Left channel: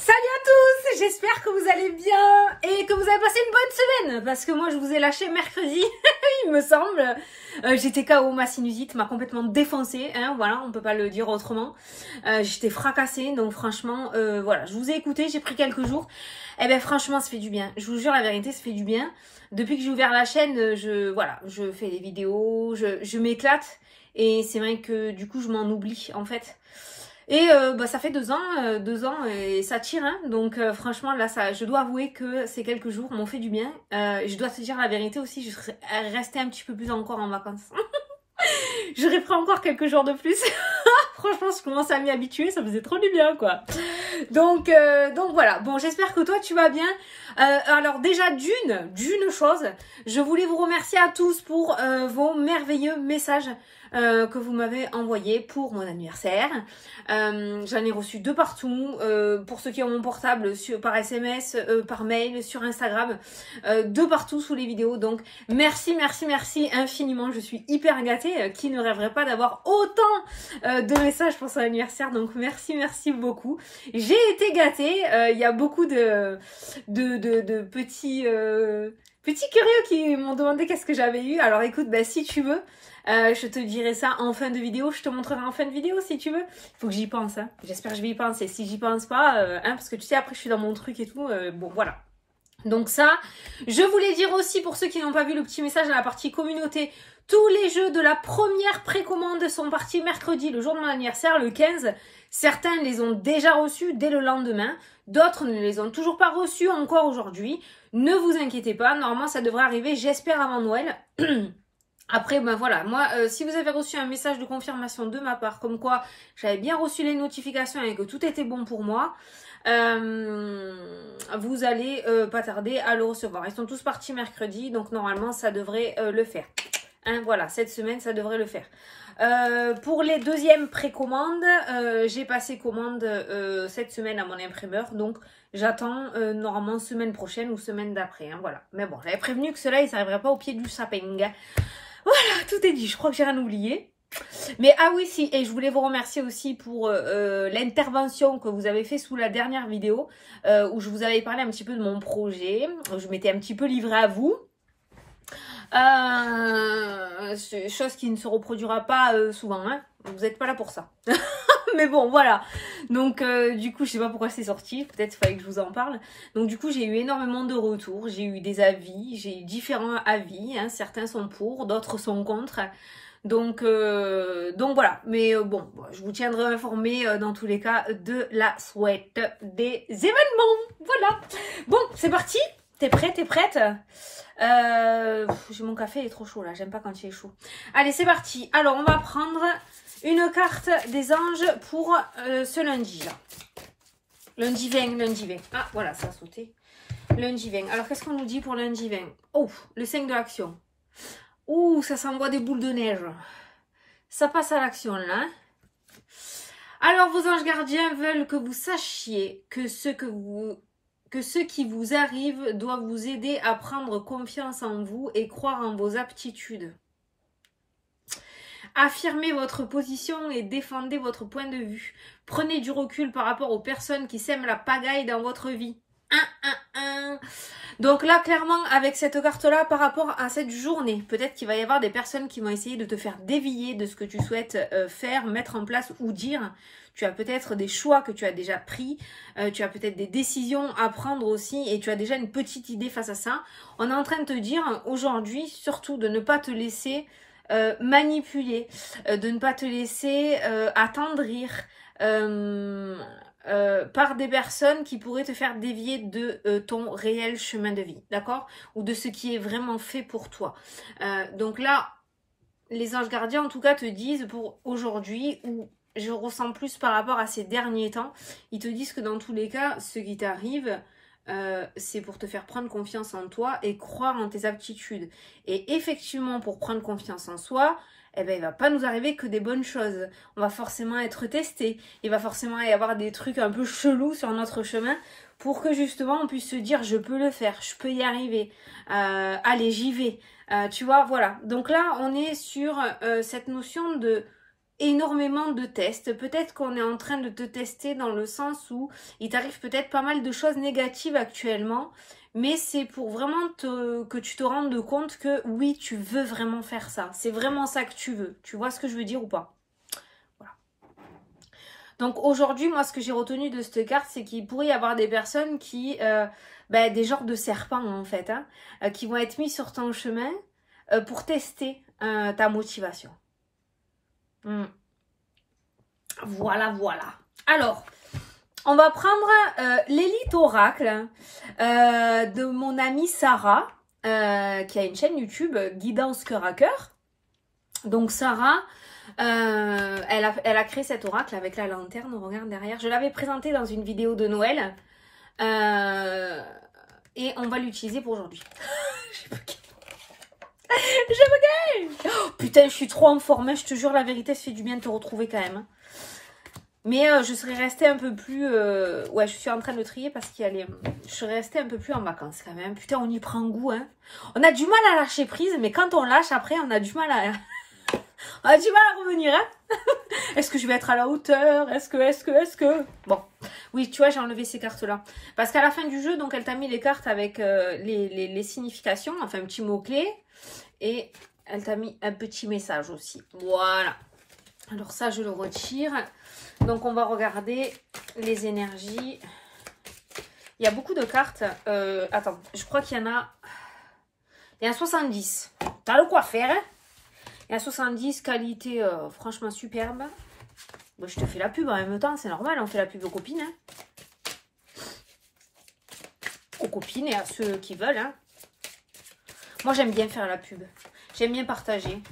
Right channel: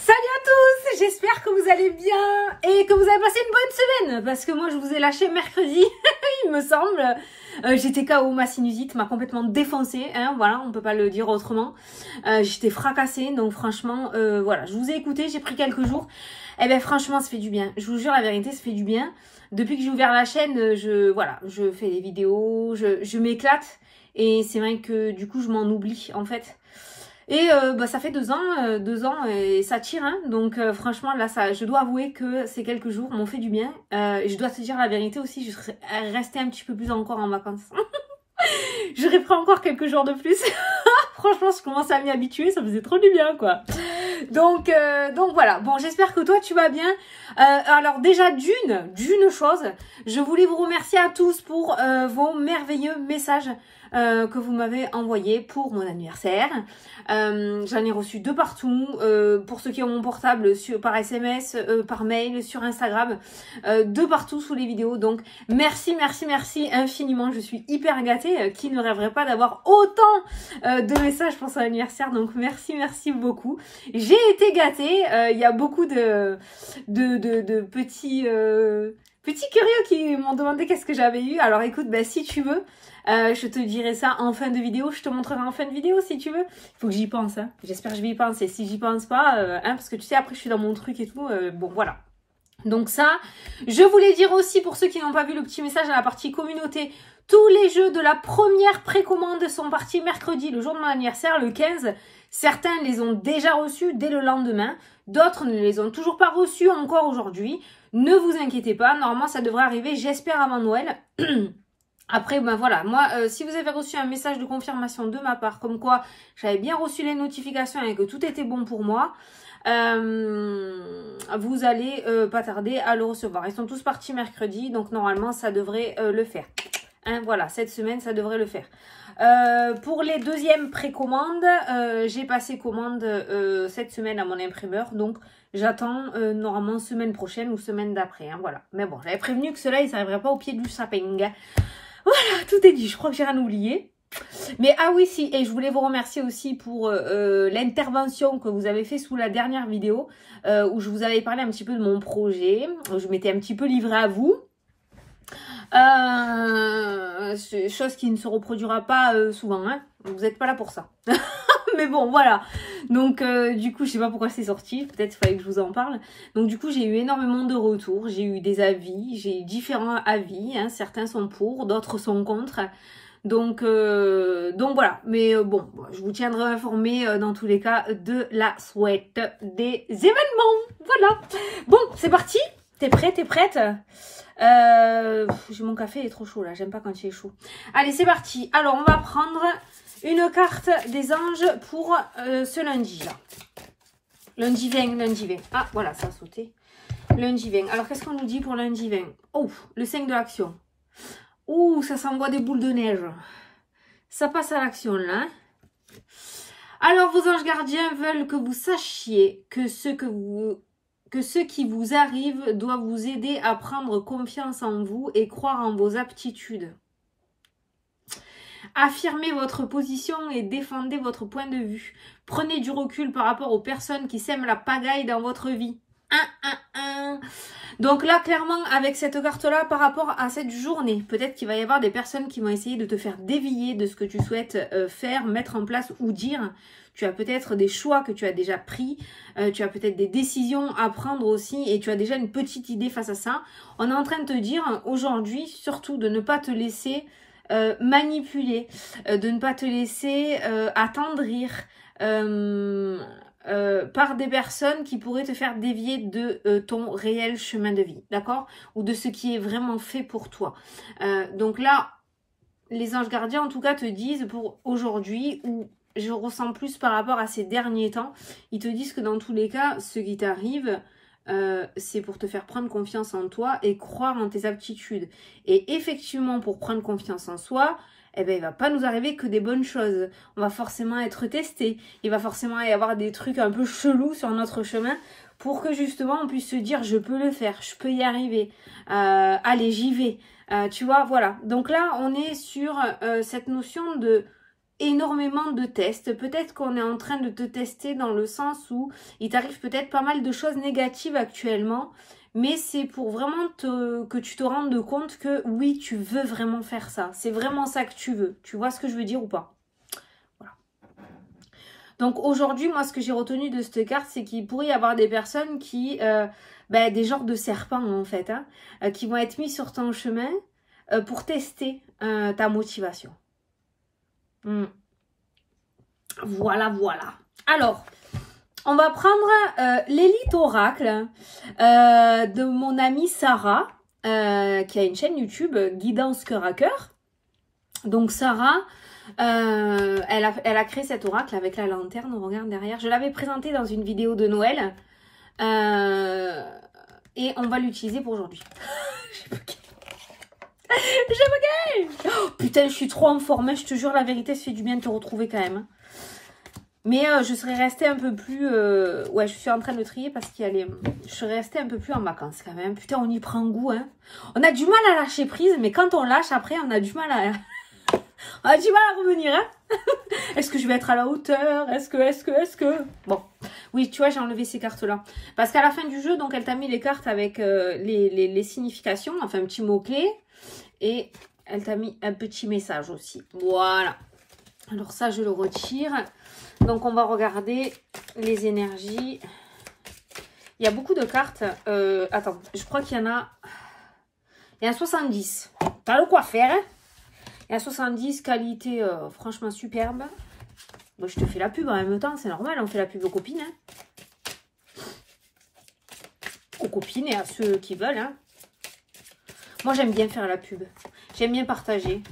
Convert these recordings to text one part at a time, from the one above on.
Salut à tous, j'espère que vous allez bien et que vous avez passé une bonne semaine parce que moi je vous ai lâché mercredi, il me semble. J'étais KO, ma sinusite m'a complètement défoncée, hein, voilà, on peut pas le dire autrement. J'étais fracassée, donc franchement, voilà, je vous ai écouté, j'ai pris quelques jours. Et ben franchement, ça fait du bien, je vous jure la vérité, ça fait du bien. Depuis que j'ai ouvert la chaîne, je fais des vidéos, je m'éclate et c'est vrai que du coup je m'en oublie en fait. Et ça fait 2 ans et ça tire, hein. Donc franchement là, je dois avouer que ces quelques jours m'ont fait du bien. Je dois te dire la vérité aussi, je serais restée un petit peu plus encore en vacances. J'aurais pris encore quelques jours de plus. Franchement, je commence à m'y habituer, ça faisait trop du bien quoi. Donc voilà, bon j'espère que toi tu vas bien. Alors déjà d'une chose, je voulais vous remercier à tous pour vos merveilleux messages que vous m'avez envoyés pour mon anniversaire. J'en ai reçu de partout, pour ceux qui ont mon portable par SMS, par mail, sur Instagram, de partout sous les vidéos. Donc merci infiniment, je suis hyper gâtée. Qui ne rêverait pas d'avoir autant de messages pour son anniversaire, donc merci beaucoup. J'ai été gâtée, il y a beaucoup de petits curieux qui m'ont demandé qu'est-ce que j'avais eu. Alors écoute, si tu veux, je te dirai ça en fin de vidéo, je te montrerai en fin de vidéo si tu veux. Il faut que j'y pense, hein. J'espère que je vais y penser. Si j'y pense pas, parce que tu sais, après je suis dans mon truc et tout, bon voilà. Donc ça, je voulais dire aussi pour ceux qui n'ont pas vu le petit message dans la partie communauté, tous les jeux de la première précommande sont partis mercredi, le jour de mon anniversaire, le 15. Certains les ont déjà reçus dès le lendemain, d'autres ne les ont toujours pas reçus encore aujourd'hui. Ne vous inquiétez pas, normalement ça devrait arriver, j'espère, avant Noël. Après, voilà, moi, si vous avez reçu un message de confirmation de ma part, comme quoi j'avais bien reçu les notifications et que tout était bon pour moi, vous allez pas tarder à le recevoir. Ils sont tous partis mercredi, donc normalement ça devrait le faire. Hein, voilà, cette semaine ça devrait le faire. Pour les deuxièmes précommandes, j'ai passé commande cette semaine à mon imprimeur, donc j'attends normalement semaine prochaine ou semaine d'après, hein, voilà. Mais bon, j'avais prévenu que cela il s'arriverait pas au pied du sapin. Voilà, tout est dit, je crois que j'ai rien oublié. Mais ah oui, si, et je voulais vous remercier aussi pour l'intervention que vous avez fait sous la dernière vidéo, où je vous avais parlé un petit peu de mon projet, où je m'étais un petit peu livrée à vous. Chose qui ne se reproduira pas souvent, hein. Vous n'êtes pas là pour ça. Mais bon, voilà. Donc, du coup, je sais pas pourquoi c'est sorti. Peut-être qu'il fallait que je vous en parle. Donc, du coup, j'ai eu énormément de retours. J'ai eu des avis. J'ai eu différents avis, hein. Certains sont pour, d'autres sont contre. Donc voilà. Mais bon, je vous tiendrai informé dans tous les cas de la suite des événements. Voilà. Bon, c'est parti. T'es prêt? T'es prête? Mon café est trop chaud là. J'aime pas quand il est chaud. Allez, c'est parti. Alors, on va prendre une carte des anges pour ce lundi là. Lundi 20. Ah, voilà, ça a sauté. Lundi 20. Alors, qu'est-ce qu'on nous dit pour lundi 20? Oh, le 5 de l'action. Ouh, ça s'envoie des boules de neige. Ça passe à l'action là. Alors, vos anges gardiens veulent que vous sachiez que ce qui vous arrive doit vous aider à prendre confiance en vous et croire en vos aptitudes. Affirmez votre position et défendez votre point de vue. Prenez du recul par rapport aux personnes qui sèment la pagaille dans votre vie. Donc là, clairement, avec cette carte-là, par rapport à cette journée, peut-être qu'il va y avoir des personnes qui vont essayer de te faire dévier de ce que tu souhaites faire, mettre en place ou dire. Tu as peut-être des choix que tu as déjà pris, tu as peut-être des décisions à prendre aussi et tu as déjà une petite idée face à ça. On est en train de te dire aujourd'hui, surtout, de ne pas te laisser manipuler, de ne pas te laisser attendrir par des personnes qui pourraient te faire dévier de ton réel chemin de vie, d'accord? Ou de ce qui est vraiment fait pour toi. Donc là, les anges gardiens en tout cas te disent pour aujourd'hui, ou je ressens plus par rapport à ces derniers temps, ils te disent que dans tous les cas, ce qui t'arrive, c'est pour te faire prendre confiance en toi et croire en tes aptitudes. Et effectivement, pour prendre confiance en soi, eh ben, il va pas nous arriver que des bonnes choses. On va forcément être testé. Il va forcément y avoir des trucs un peu chelous sur notre chemin pour que justement on puisse se dire je peux le faire, je peux y arriver. Allez, j'y vais. Tu vois, voilà. Donc là, on est sur cette notion de énormément de tests. Peut-être qu'on est en train de te tester dans le sens où il t'arrive peut-être pas mal de choses négatives actuellement. Mais c'est pour vraiment que tu te rendes compte que oui, tu veux vraiment faire ça. C'est vraiment ça que tu veux. Tu vois ce que je veux dire ou pas? Voilà. Donc aujourd'hui, moi, ce que j'ai retenu de cette carte, c'est qu'il pourrait y avoir des personnes qui... des genres de serpents, en fait, hein, qui vont être mis sur ton chemin pour tester ta motivation. Voilà, voilà. Alors... on va prendre l'élite oracle de mon amie Sarah, qui a une chaîne YouTube, Guidance Cœur à Cœur. Donc Sarah, elle a créé cet oracle avec la lanterne, on regarde derrière. Je l'avais présenté dans une vidéo de Noël. Et on va l'utiliser pour aujourd'hui. Oh, putain, je suis trop en forme, je te jure, la vérité, ça fait du bien de te retrouver quand même. Mais je serais restée un peu plus... ouais, je suis en train de trier parce qu'il y a les... Je serais restée un peu plus en vacances quand même. Putain, on y prend goût, hein. On a du mal à lâcher prise, mais quand on lâche, après, on a du mal à... on a du mal à revenir, hein. Est-ce que je vais être à la hauteur? Est-ce que... Bon, oui, tu vois, j'ai enlevé ces cartes-là. Parce qu'à la fin du jeu, donc, elle t'a mis les cartes avec les significations, enfin, un petit mot-clé. Et elle t'a mis un petit message aussi. Voilà. Alors ça, je le retire. Donc, on va regarder les énergies. Il y a beaucoup de cartes. Attends, je crois qu'il y en a... Il y a 70. T'as le quoi faire, hein? Il y a 70, qualité franchement superbe. Bon, je te fais la pub en même temps, c'est normal. On fait la pub aux copines. Hein? Aux copines et à ceux qui veulent. Hein? Moi, j'aime bien faire la pub. J'aime bien partager.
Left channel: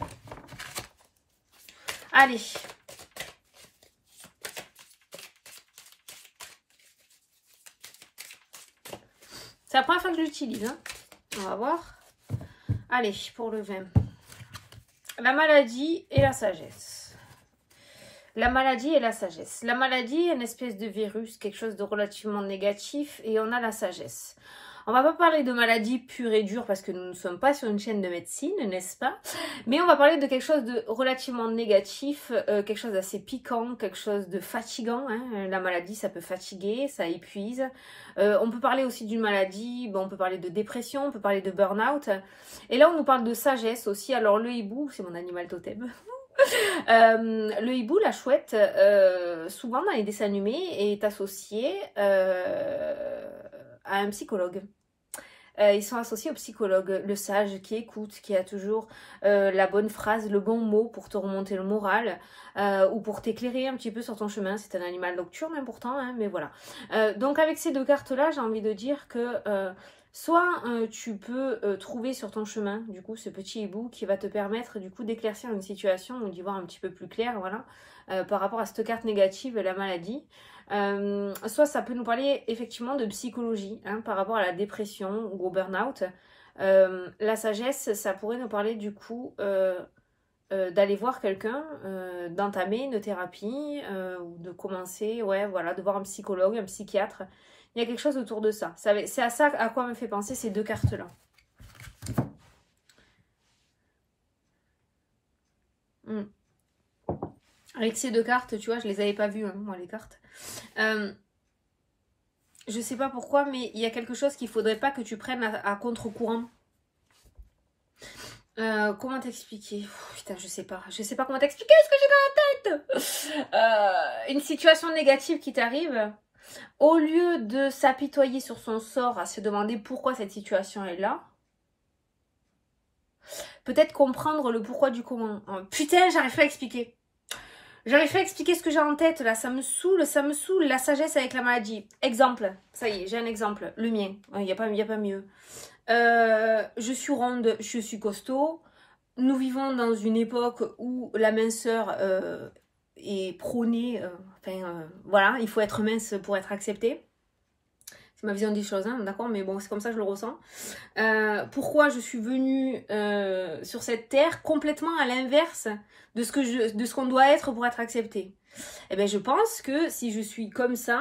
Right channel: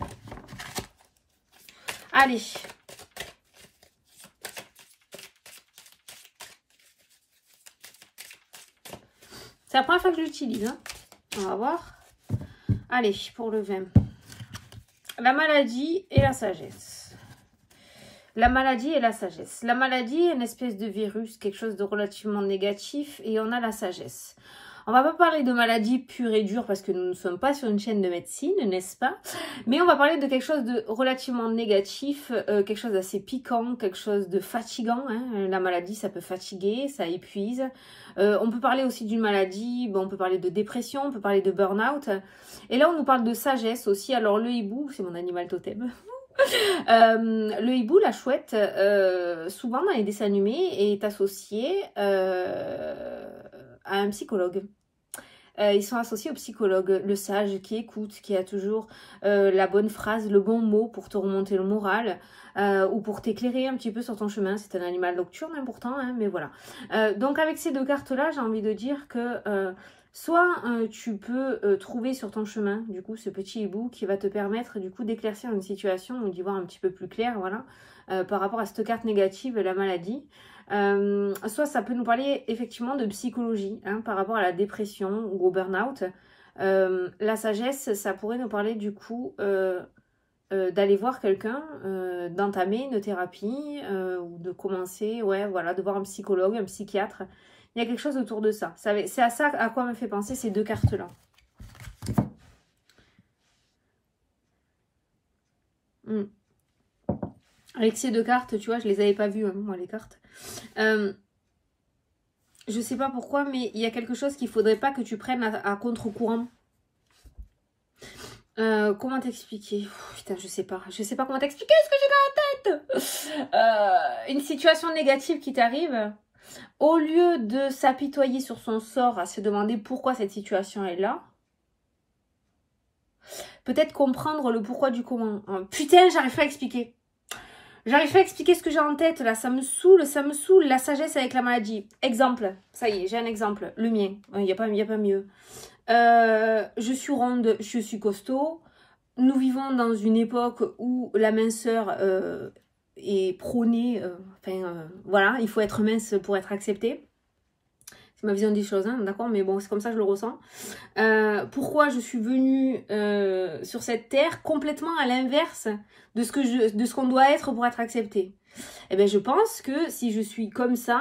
Allez. C'est la première fois que je l'utilise. Hein. On va voir. Allez, pour le 20. La maladie et la sagesse. La maladie et la sagesse. La maladie est une espèce de virus, quelque chose de relativement négatif. Et on a la sagesse. On va pas parler de maladie pure et dure parce que nous ne sommes pas sur une chaîne de médecine, n'est-ce pas? Mais on va parler de quelque chose de relativement négatif, quelque chose d'assez piquant, quelque chose de fatigant. Hein. La maladie, ça peut fatiguer, ça épuise. On peut parler aussi d'une maladie, bon, on peut parler de dépression, on peut parler de burn-out. Et là, on nous parle de sagesse aussi. Alors, le hibou, c'est mon animal totem. Le hibou, la chouette, souvent dans les dessins animés, est associé à un psychologue. Ils sont associés au psychologue, le sage qui écoute, qui a toujours la bonne phrase, le bon mot pour te remonter le moral ou pour t'éclairer un petit peu sur ton chemin. C'est un animal nocturne hein, pourtant, hein, mais voilà. Donc avec ces deux cartes-là, j'ai envie de dire que soit tu peux trouver sur ton chemin, du coup, ce petit hibou qui va te permettre du coup d'éclaircir une situation ou d'y voir un petit peu plus clair, voilà, par rapport à cette carte négative, la maladie. Soit ça peut nous parler effectivement de psychologie hein, par rapport à la dépression ou au burn-out. La sagesse, ça pourrait nous parler du coup d'aller voir quelqu'un, d'entamer une thérapie ou de commencer, ouais, voilà, de voir un psychologue, un psychiatre. Il y a quelque chose autour de ça. C'est à ça à quoi me fait penser ces deux cartes-là. Avec ces deux cartes, tu vois, je les avais pas vues, hein, moi, les cartes. Je sais pas pourquoi, mais il y a quelque chose qu'il faudrait pas que tu prennes à contre-courant. Comment t'expliquer? Putain, je sais pas comment t'expliquer ce que j'ai dans la tête. Une situation négative qui t'arrive, au lieu de s'apitoyer sur son sort, à se demander pourquoi cette situation est là, peut-être comprendre le pourquoi du comment. Putain, j'arrive pas à expliquer. J'arrive pas à expliquer ce que j'ai en tête, là, ça me saoule, la sagesse avec la maladie. Exemple, ça y est, j'ai un exemple, le mien, il n'y a pas mieux. Je suis ronde, je suis costaud, nous vivons dans une époque où la minceur est prônée, voilà, il faut être mince pour être accepté. C'est ma vision des choses, hein, d'accord, mais bon, c'est comme ça que je le ressens. Pourquoi je suis venue sur cette terre complètement à l'inverse de ce qu'on doit être pour être accepté? Eh bien, je pense que si je suis comme ça,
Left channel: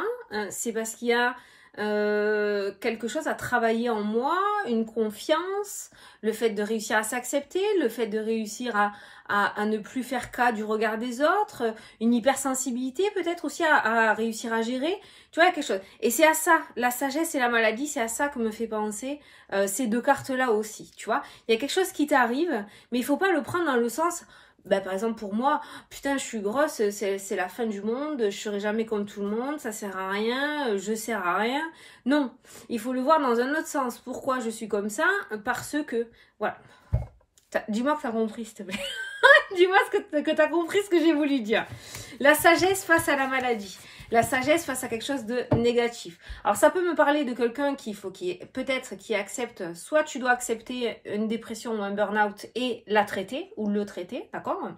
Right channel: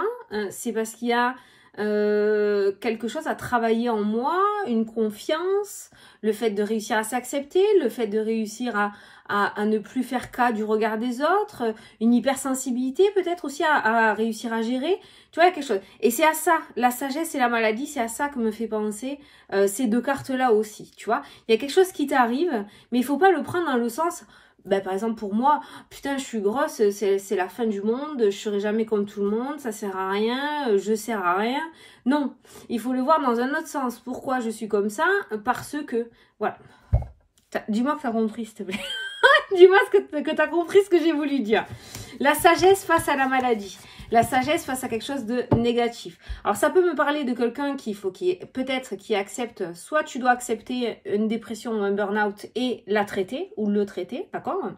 c'est parce qu'il y a quelque chose à travailler en moi, une confiance, le fait de réussir à s'accepter, le fait de réussir à ne plus faire cas du regard des autres, une hypersensibilité peut-être aussi à réussir à gérer, tu vois, quelque chose. Et c'est à ça, la sagesse et la maladie, c'est à ça que me fait penser ces deux cartes-là aussi, tu vois. Il y a quelque chose qui t'arrive, mais il faut pas le prendre dans le sens... Ben, par exemple, pour moi, putain, je suis grosse, c'est la fin du monde, je serai jamais comme tout le monde, ça sert à rien, je sers à rien. Non, il faut le voir dans un autre sens. Pourquoi je suis comme ça? Parce que, voilà. Dis-moi que tu as compris, s'il te plaît. Dis-moi que tu as compris ce que j'ai voulu dire. La sagesse face à la maladie. La sagesse face à quelque chose de négatif. Alors, ça peut me parler de quelqu'un peut-être qui accepte, soit tu dois accepter une dépression ou un burn-out et la traiter, ou le traiter, d'accord?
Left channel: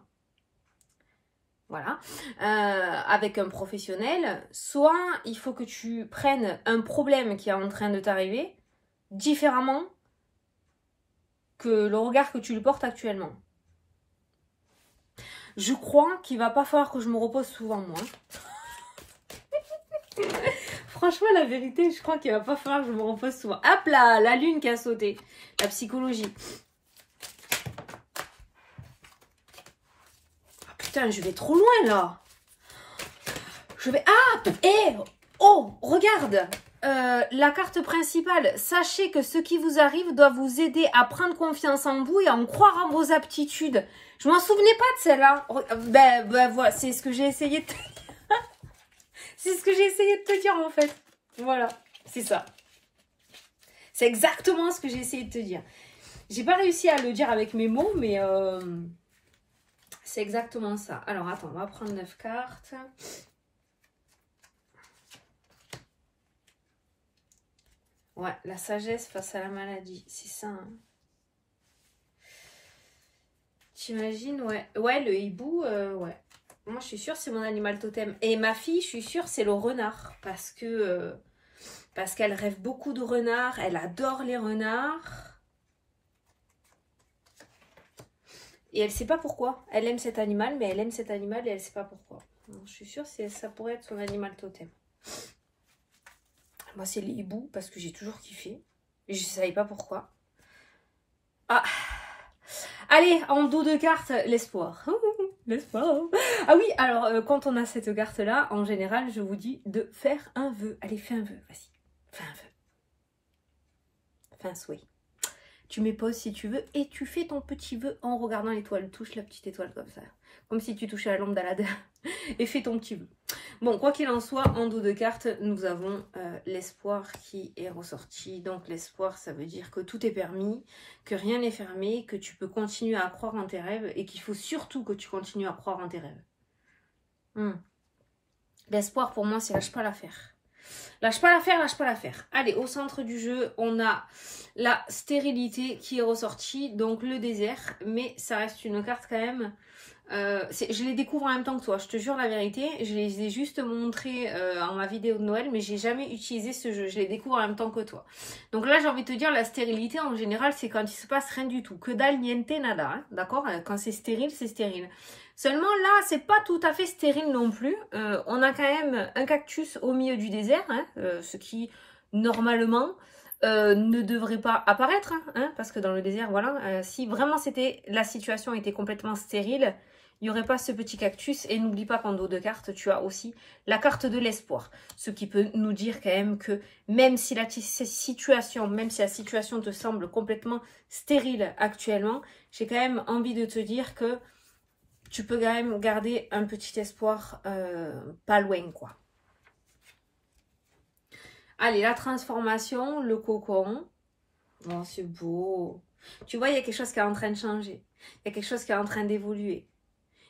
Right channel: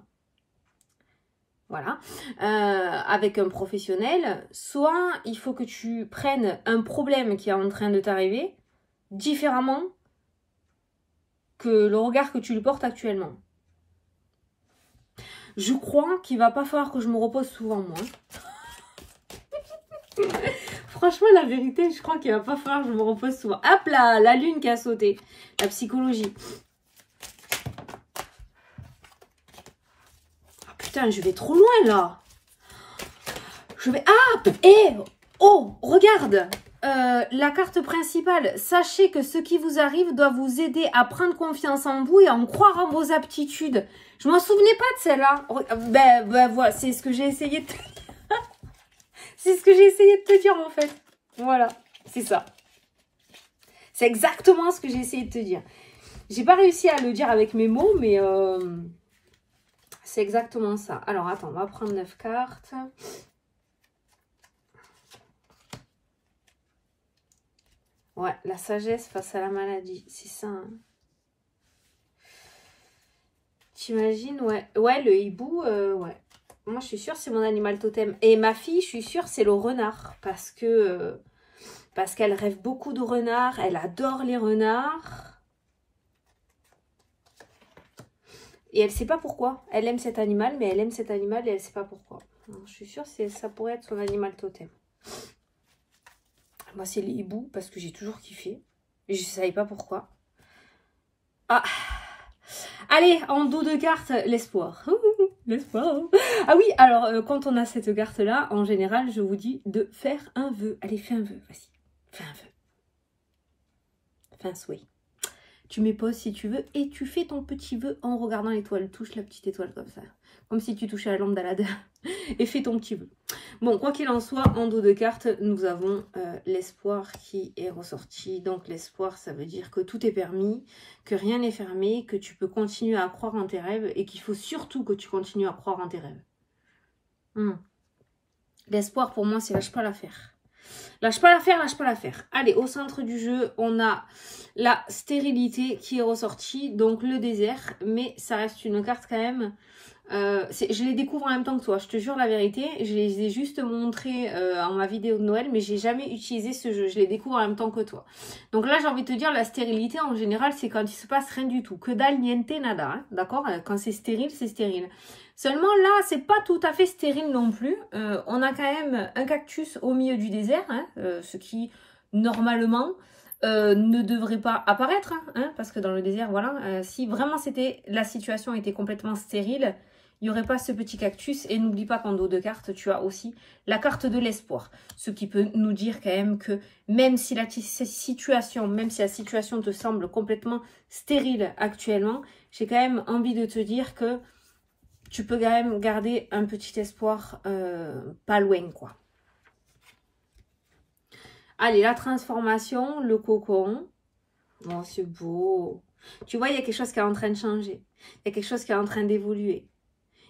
Voilà. Avec un professionnel. Soit il faut que tu prennes un problème qui est en train de t'arriver différemment que le regard que tu lui portes actuellement. Je crois qu'il va pas falloir que je me repose souvent, moi. Franchement, la vérité, je crois qu'il va pas falloir que je me repose souvent. Hop là, la lune qui a sauté. La psychologie. Ah, putain, je vais trop loin, là. Je vais... Ah, oh, regarde. La carte principale. Sachez que ce qui vous arrive doit vous aider à prendre confiance en vous et à en croire en vos aptitudes. Je m'en souvenais pas de celle-là. Ben, voilà, c'est ce que j'ai essayé de... C'est ce que j'ai essayé de te dire, en fait. Voilà, c'est ça. C'est exactement ce que j'ai essayé de te dire. J'ai pas réussi à le dire avec mes mots, mais c'est exactement ça. Alors, attends, on va prendre 9 cartes. Ouais, la sagesse face à la maladie, c'est ça. Hein. T'imagines, ouais. Ouais, le hibou, ouais. Moi, je suis sûre c'est mon animal totem. Et ma fille, je suis sûre c'est le renard. Parce qu'elle rêve beaucoup de renards. Elle adore les renards. Et elle ne sait pas pourquoi. Elle aime cet animal, mais elle aime cet animal et elle ne sait pas pourquoi. Alors, je suis sûre ça pourrait être son animal totem. Moi, c'est les hiboux parce que j'ai toujours kiffé. Et je ne savais pas pourquoi. Ah! Allez, en dos de carte, l'espoir. L'espoir. Ah oui, alors, quand on a cette carte-là, en général, je vous dis de faire un vœu. Allez, fais un vœu, vas-y. Fais un vœu. Fais un souhait. Tu mets pause si tu veux et tu fais ton petit vœu en regardant l'étoile. Touche la petite étoile comme ça. Comme si tu touchais la lampe d'Aladin. Et fais ton petit vœu. Bon, quoi qu'il en soit, en dos de carte, nous avons l'espoir qui est ressorti. Donc l'espoir, ça veut dire que tout est permis, que rien n'est fermé, que tu peux continuer à croire en tes rêves et qu'il faut surtout que tu continues à croire en tes rêves. L'espoir, pour moi, c'est lâche pas l'affaire. Lâche pas l'affaire, lâche pas l'affaire. Allez, au centre du jeu, on a la stérilité qui est ressortie, donc le désert, mais ça reste une carte quand même. Je les découvre en même temps que toi, je te jure la vérité. Je les ai juste montrés en ma vidéo de Noël, mais j'ai jamais utilisé ce jeu. Je les découvre en même temps que toi. Donc là, j'ai envie de te dire, la stérilité en général, c'est quand il se passe rien du tout. Que dalle, niente, nada. Hein, d'accord? Quand c'est stérile, c'est stérile. Seulement là, c'est pas tout à fait stérile non plus. On a quand même un cactus au milieu du désert, hein, ce qui normalement ne devrait pas apparaître, hein, parce que dans le désert, voilà, si vraiment la situation était complètement stérile, il n'y aurait pas ce petit cactus. Et n'oublie pas qu'en dos de carte, tu as aussi la carte de l'espoir. Ce qui peut nous dire quand même que même si la situation te semble complètement stérile actuellement, j'ai quand même envie de te dire que tu peux quand même garder un petit espoir pas loin, quoi. Allez, la transformation, le cocon. Oh, c'est beau. Tu vois, il y a quelque chose qui est en train de changer. Il y a quelque chose qui est en train d'évoluer.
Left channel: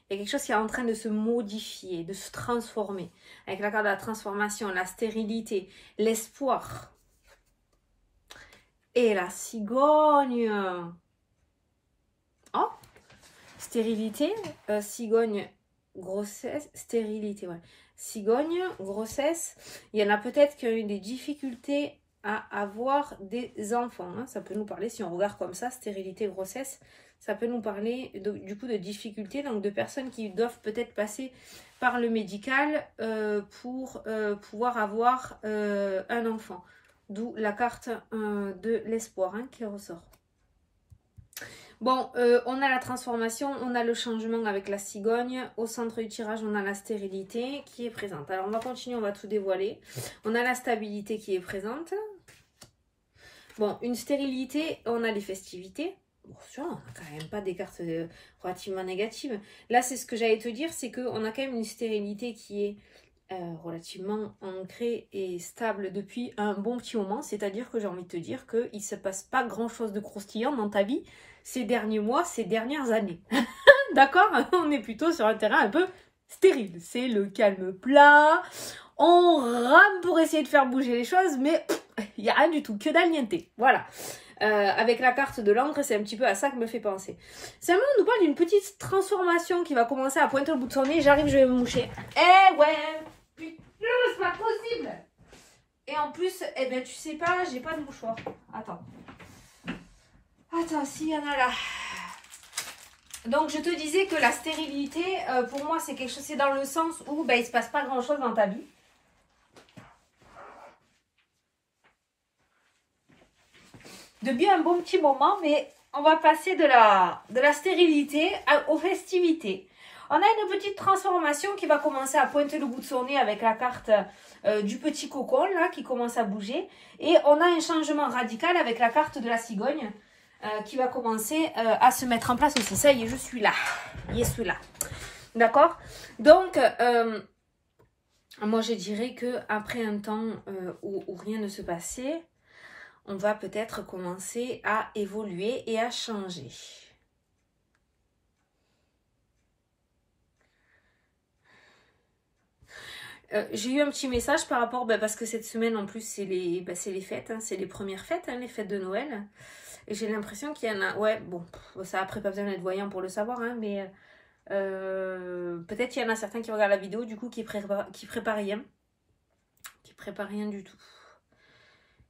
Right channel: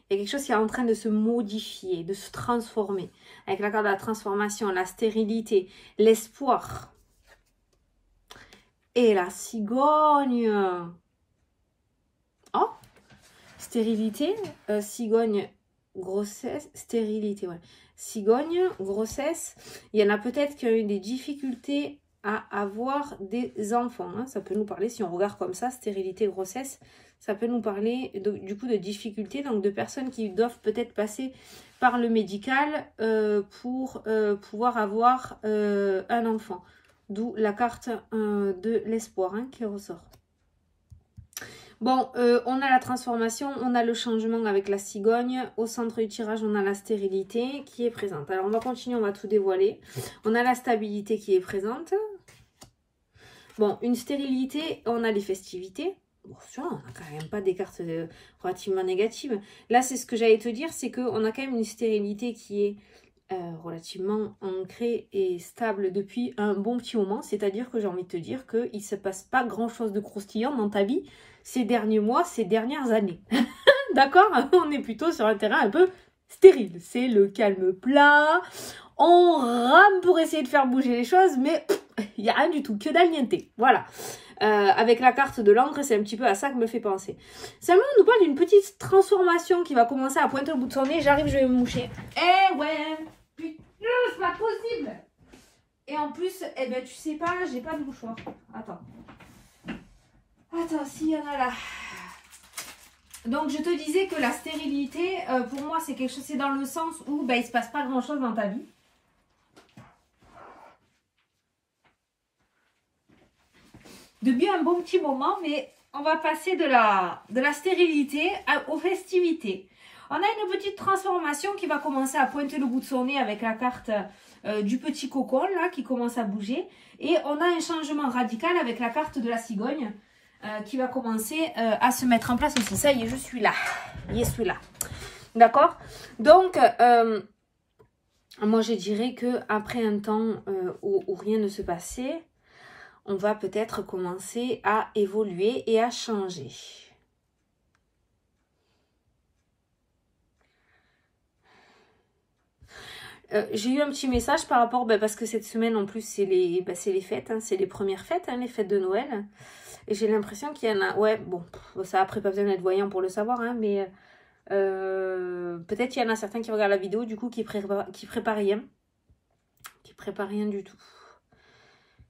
Il y a quelque chose qui est en train de se modifier, de se transformer. Avec la carte de la transformation, la stérilité, l'espoir. Et la cigogne. Oh, stérilité, cigogne, grossesse, stérilité, ouais. Cigogne, grossesse. Il y en a peut-être qui ont eu des difficultés à avoir des enfants. Hein. Ça peut nous parler, si on regarde comme ça, stérilité, grossesse, ça peut nous parler du coup de difficultés, donc de personnes qui doivent peut-être passer par le médical pour pouvoir avoir un enfant. D'où la carte de l'espoir hein, qui ressort. Bon, on a la transformation, on a le changement avec la cigogne. Au centre du tirage, on a la stérilité qui est présente. Alors, on va continuer, on va tout dévoiler. On a la stabilité qui est présente. Bon, une stérilité, on a les festivités. Bon, ça, on n'a quand même pas des cartes relativement négatives. Là, c'est ce que j'allais te dire, c'est qu'on a quand même une stérilité qui est relativement ancrée et stable depuis un bon petit moment. C'est-à-dire que j'ai envie de te dire qu'il ne se passe pas grand-chose de croustillant dans ta vie ces derniers mois, ces dernières années. D'accord? On est plutôt sur un terrain un peu stérile. C'est le calme plat. On rame pour essayer de faire bouger les choses, mais il n'y a rien du tout. Que dalle niente. Voilà. Avec la carte de l'encre, c'est un petit peu à ça que me fait penser. Seulement, on nous parle d'une petite transformation qui va commencer à pointer le bout de son nez. J'arrive, je vais me moucher. Eh ouais, putain, c'est pas possible. Et en plus, eh ben, tu sais pas, j'ai pas de mouchoir. Attends. Attends, s'il y en a là. Donc, je te disais que la stérilité, pour moi, c'est quelque chose, c'est dans le sens où ben, il se passe pas grand chose dans ta vie. Depuis un bon petit moment, mais on va passer de la stérilité aux festivités. On a une petite transformation qui va commencer à pointer le bout de son nez avec la carte du petit cocon là qui commence à bouger. Et on a un changement radical avec la carte de la cigogne qui va commencer à se mettre en place aussi. Ça y est, je suis là. Je suis là. D'accord? Donc, moi je dirais qu'après un temps où rien ne se passait, on va peut-être commencer à évoluer et à changer. J'ai eu un petit message par rapport, parce que cette semaine en plus c'est les fêtes, hein, c'est les premières fêtes, hein, les fêtes de Noël. Et j'ai l'impression qu'il y en a, ouais, bon, ça après pas besoin d'être voyant pour le savoir, hein, mais peut-être qu'il y en a certains qui regardent la vidéo du coup qui préparent rien. Qui préparent rien du tout.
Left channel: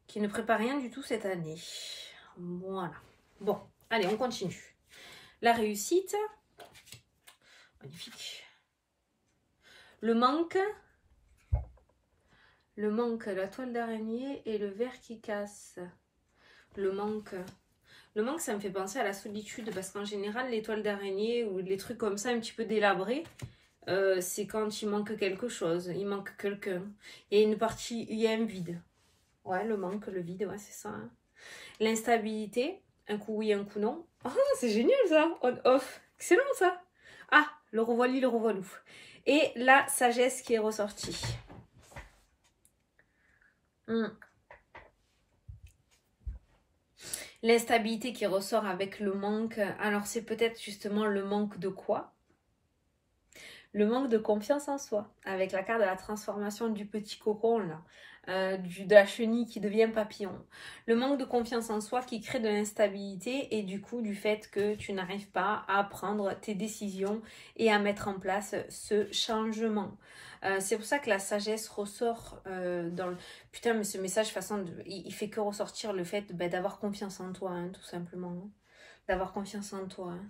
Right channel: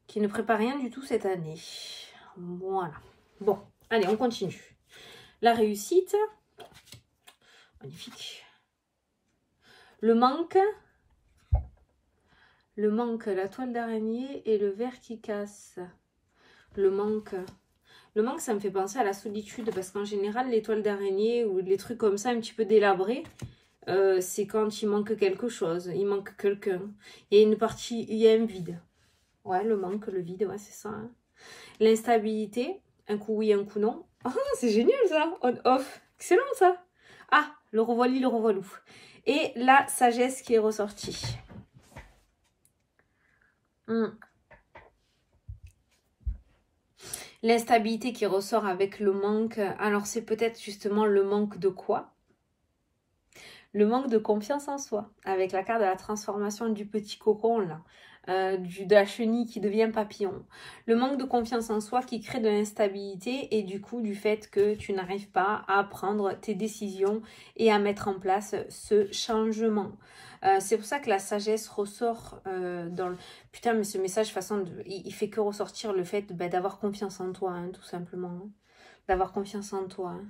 Qui ne prépare rien du tout cette année. Voilà. Bon, allez, on continue. La réussite. Magnifique. Le manque. Le manque, la toile d'araignée et le verre qui casse. Le manque. Le manque, ça me fait penser à la solitude. Parce qu'en général, les toiles d'araignée ou les trucs comme ça, un petit peu délabrés, c'est quand il manque quelque chose. Il manque quelqu'un. Il y a une partie, il y a un vide. Ouais, le manque, le vide, ouais, c'est ça. Hein. L'instabilité, un coup oui, un coup non. Ah, c'est génial ça, on-off. Excellent ça. Ah, le revoilà, le revoilou. Et la sagesse qui est ressortie. L'instabilité qui ressort avec le manque. Alors, c'est peut-être justement le manque de quoi? Le manque de confiance en soi. Avec la carte de la transformation du petit cocon, là. De la chenille qui devient papillon. Le manque de confiance en soi qui crée de l'instabilité et du coup du fait que tu n'arrives pas à prendre tes décisions et à mettre en place ce changement. C'est pour ça que la sagesse ressort dans le... Putain, mais ce message, il fait que ressortir le fait d'avoir confiance en toi, hein, tout simplement. Hein. D'avoir confiance en toi. Hein.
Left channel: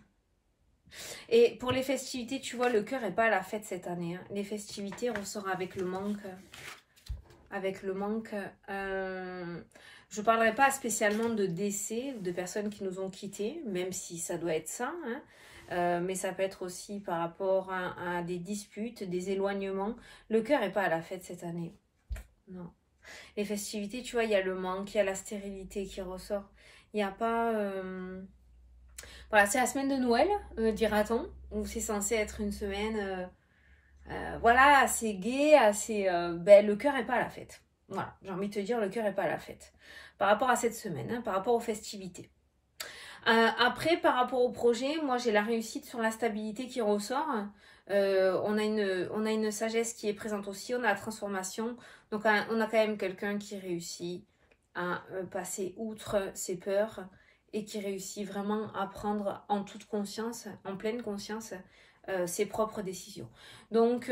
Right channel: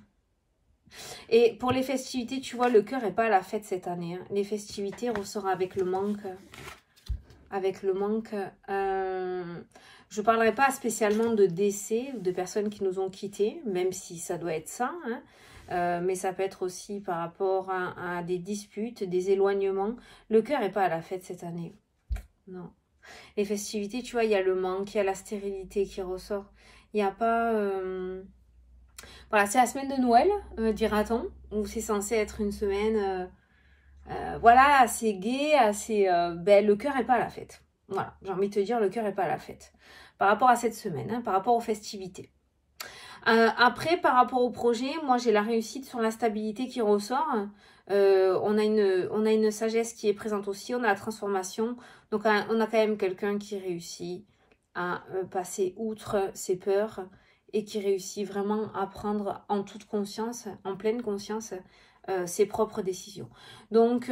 Et pour les festivités, tu vois, le cœur n'est pas à la fête cette année. Hein. Les festivités ressortent avec le manque... Avec le manque, je ne parlerai pas spécialement de décès ou de personnes qui nous ont quittés, même si ça doit être ça, hein, mais ça peut être aussi par rapport à des disputes, des éloignements. Le cœur n'est pas à la fête cette année, non. Les festivités, tu vois, il y a le manque, il y a la stérilité qui ressort. Il n'y a pas... Voilà, c'est la semaine de Noël, dira-t-on, où c'est censé être une semaine... voilà, assez gai, assez... le cœur n'est pas à la fête. Voilà, j'ai envie de te dire, le cœur n'est pas à la fête. Par rapport à cette semaine, hein, par rapport aux festivités. Après, par rapport au projet, moi j'ai la réussite sur la stabilité qui ressort. On a une sagesse qui est présente aussi, on a la transformation. Donc on a quand même quelqu'un qui réussit à passer outre ses peurs et qui réussit vraiment à prendre en toute conscience, en pleine conscience, ses propres décisions. Donc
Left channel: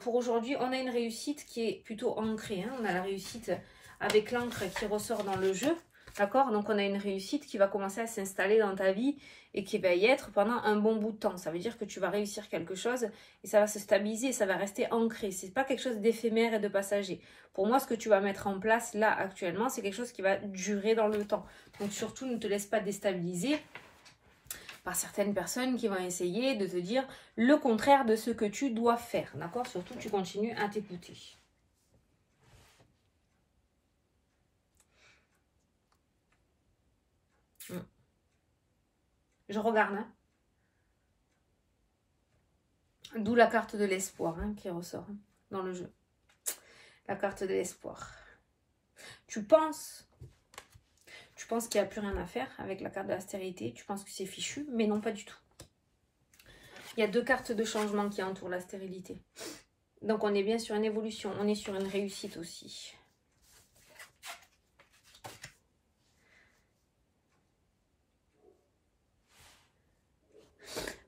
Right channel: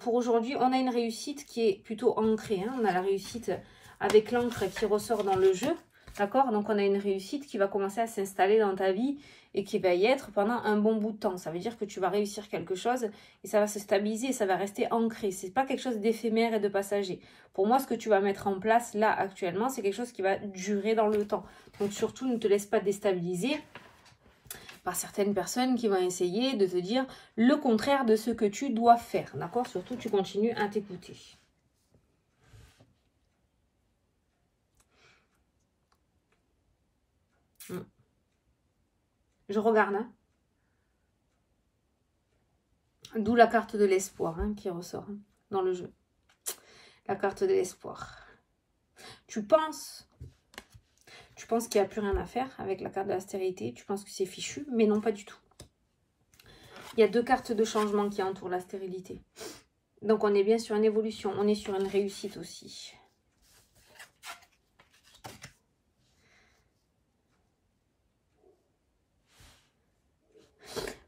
pour aujourd'hui, on a une réussite qui est plutôt ancrée. Hein. On a la réussite avec l'encre qui ressort dans le jeu. D'accord? Donc, on a une réussite qui va commencer à s'installer dans ta vie et qui va y être pendant un bon bout de temps. Ça veut dire que tu vas réussir quelque chose et ça va se stabiliser et ça va rester ancré. C'est pas quelque chose d'éphémère et de passager. Pour moi, ce que tu vas mettre en place là, actuellement, c'est quelque chose qui va durer dans le temps. Donc, surtout, ne te laisse pas déstabiliser par certaines personnes qui vont essayer de te dire le contraire de ce que tu dois faire. D'accord? Surtout, tu continues à t'écouter. Je regarde. Hein. D'où la carte de l'espoir hein, qui ressort hein, dans le jeu. La carte de l'espoir. Tu penses qu'il n'y a plus rien à faire avec la carte de la stérilité. Tu penses que c'est fichu, mais non, pas du tout. Il y a 2 cartes de changement qui entourent la stérilité. Donc, on est bien sur une évolution. On est sur une réussite aussi.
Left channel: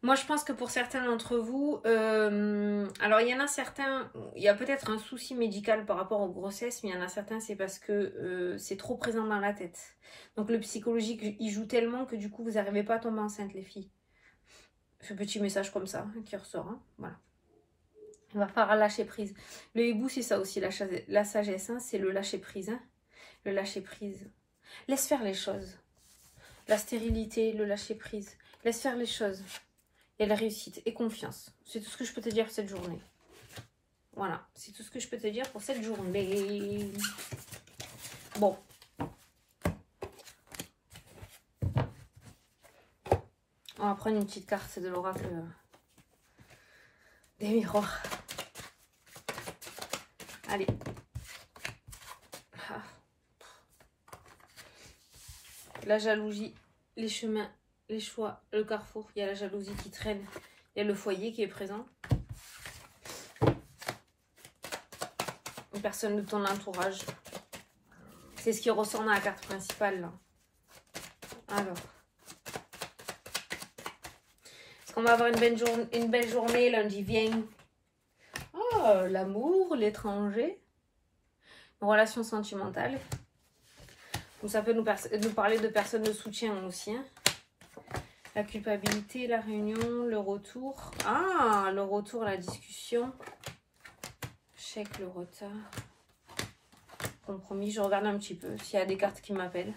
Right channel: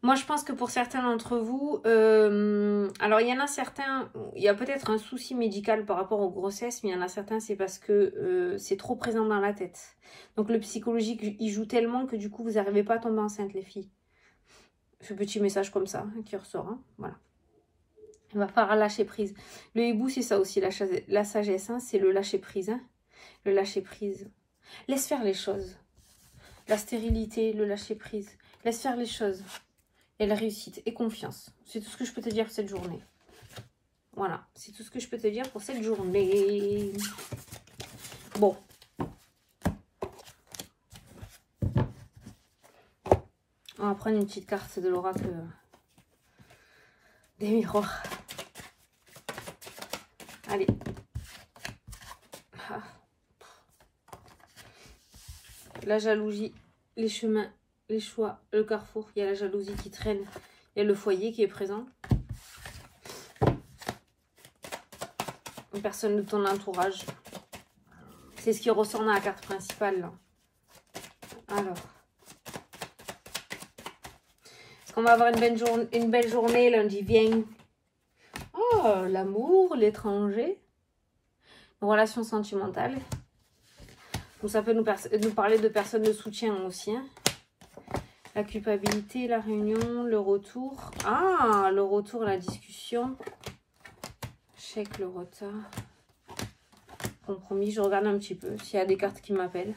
Moi, je pense que pour certains d'entre vous, alors il y en a certains, il y a peut-être un souci médical par rapport aux grossesses, mais il y en a certains, c'est parce que c'est trop présent dans la tête. Donc le psychologique, il joue tellement que du coup, vous n'arrivez pas à tomber enceinte, les filles. Ce petit message comme ça hein, qui ressort, hein, voilà. Il va falloir lâcher prise. Le hibou, c'est ça aussi, la sagesse, hein, c'est le lâcher prise. Hein, le lâcher prise. Laisse faire les choses. La stérilité, le lâcher prise. Laisse faire les choses. Et la réussite et confiance. C'est tout ce que je peux te dire pour cette journée. Voilà, c'est tout ce que je peux te dire pour cette journée. Bon. On va prendre une petite carte de l'oracle des miroirs. Allez. Ah. La jalousie, les chemins. Les choix, le carrefour, il y a la jalousie qui traîne, il y a le foyer qui est présent. Une personne de ton entourage. C'est ce qui ressort dans la carte principale. Là. Alors. Est-ce qu'on va avoir une belle journée lundi vient? Oh, l'amour, l'étranger. Une relation sentimentale. Donc ça peut nous parler de personnes de soutien aussi. Hein. La culpabilité, la réunion, le retour. Ah, le retour, la discussion. Chèque, le retard. Compromis, je regarde un petit peu s'il y a des cartes qui m'appellent.